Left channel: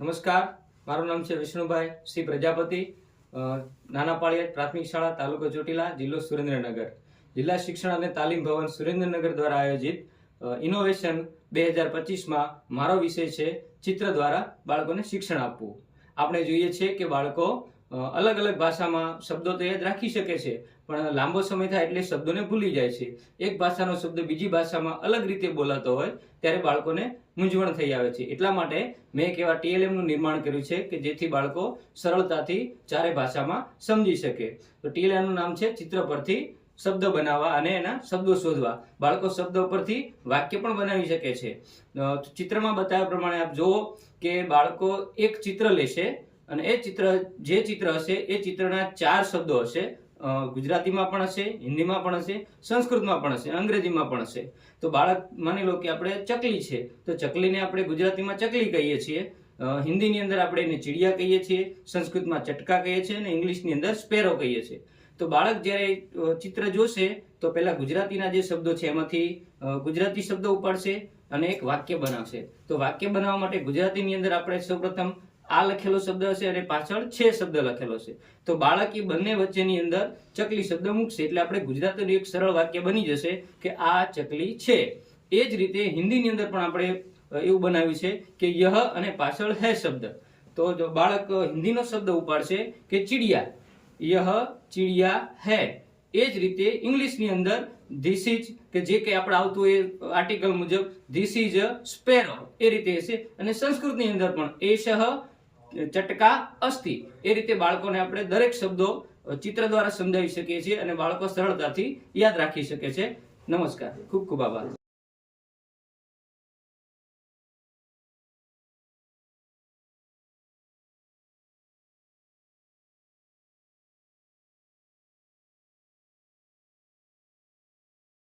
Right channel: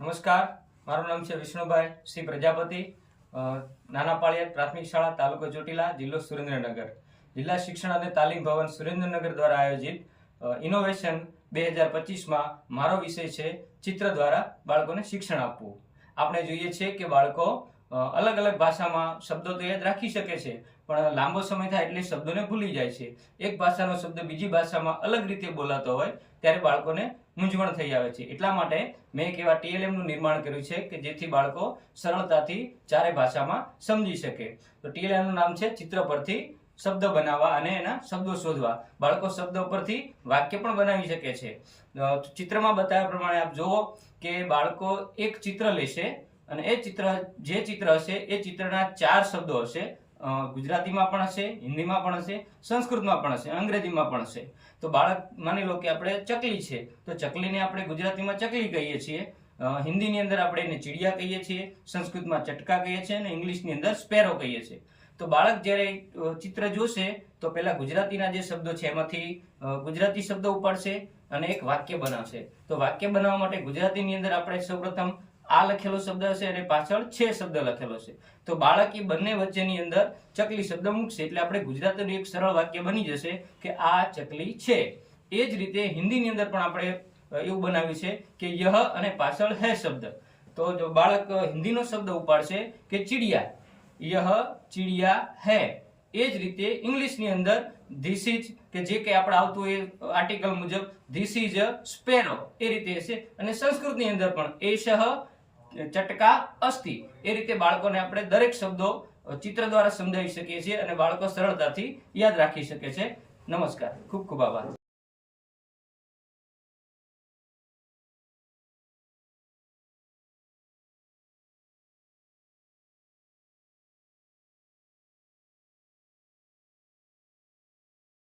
નમસ્કાર. મારું નામ છે વિષ્ણુભાઈ શ્રી પ્રજાપતિ નાના પાળિયાદ પ્રાથમિક શાળા, તાલુકો ચોટીલા, જિલ્લો સુરેન્દ્રનગર. જિલ્લા શિક્ષણ અને તાલીમ ભવન સુરેન્દ્રનગર દ્વારા આયોજિત ઇનોવેશન બે હજાર પચીસમાં મારો વિષય છે ચિત્ર દ્વારા બાળકોને શિક્ષણ આપવું. આપણે જોઈએ છીએ કે બાળકો અલગ અલગ ભાષામાં શબ્દો તો યાદ રાખી શકે છે, પણ લાંબો સમય થાય એટલે શબ્દોને ભૂલી જાય છે. એક ભાષાનો શબ્દ બીજી ભાષામાં અલગ રીતે બોલાતો હોય, ત્યારે બાળકોને મૂંઝવણ થઈ આવે છે. એટલા માટે મેં એક એવા ટીએલએમનું નિર્માણ કર્યું છે કે જેથી બાળકો સરળતાથી ચારે ભાષામાં સમજી શકે. તો ટીએલએમનું નામ છે ચિત્ર પરથી શબ્દ બનાવવા અને એના શબ્દો શોધવા. બાળકો શબ્દો પરથી વાક્ય પણ બનાવી શકે છે. ચિત્રમાં બતાવ્યા પ્રમાણે આપ જુઓ કે બાળકો એક ચિત્ર લેશે અને એ ચિત્ર, જે ચિત્ર હશે, એ ચિત્રના ચાર શબ્દો હશે. ગુજરાતીમાં પણ હશે, હિન્દીમાં પણ હશે, સંસ્કૃતમાં પણ હશે, અંગ્રેજીમાં પણ હશે. તો બાળક, માની લો કે આપણે ચકલી છે, તો ચકલીને આપણે ગુજરાતીમાં ચકલી કહીએ છીએ. હિન્દીની અંદર આપણે એને ચીડિયા કહીએ છીએ, સંસ્કૃતમાં ચટકા કહીએ છીએ અને ઇંગ્લિશની અંદર સ્પેરો કહીએ છીએ. તો બાળક જ્યારે ચિત્ર જોશે, તો પહેલાં ગુજરાતીના જે શબ્દો છે, એમાંથી ગુજરાતી શબ્દો ઉપાડશે અને એક વાક્ય બનાવશે. તો વાક્ય બનાવવા માટે ગુજરાતીની અંદર આપણે સૌપ્રથમ આ લખેલો શબ્દ હશે અને પાછળ છે શબ્દ લખેલો છે. તો બાળક એ બંને વચ્ચેની અંદર ચકલી શબ્દ મૂકશે. એટલે આપણે ગુજરાતીનું એક સરળ વાક્ય બની જશે કે આ ચકલી છે. એ જ રીતે હિન્દીની અંદર પણ આપણે એવું બનાવ્યું છે કે યહ અને પાછળ હે શબ્દ. તો જો બાળક હિન્દીનો શબ્દ ઉપાડશે કે ચીડિયા. યહ, ચીડિયા, હે. એ જ રીતે ઇંગ્લિશની અંદર ધીસ ઇઝ કે જે કંઈ આપણે આવતું એ આર્ટિકલ મુજબ ધીસ ઇઝ અ સ્પેરો એ રીતે હશે. અને સંસ્કૃતની અંદર પણ એશહ ચટકા અસ્થિ. એ રીતે બાળકોને આપણે દરેક શબ્દો ચિત્ર દ્વારા સમજાવી શકીએ છીએ અને બાળકો સરળતાથી યાદ રાખી શકે છે. નમસ્કાર. ખૂબ ખૂબ આભાર.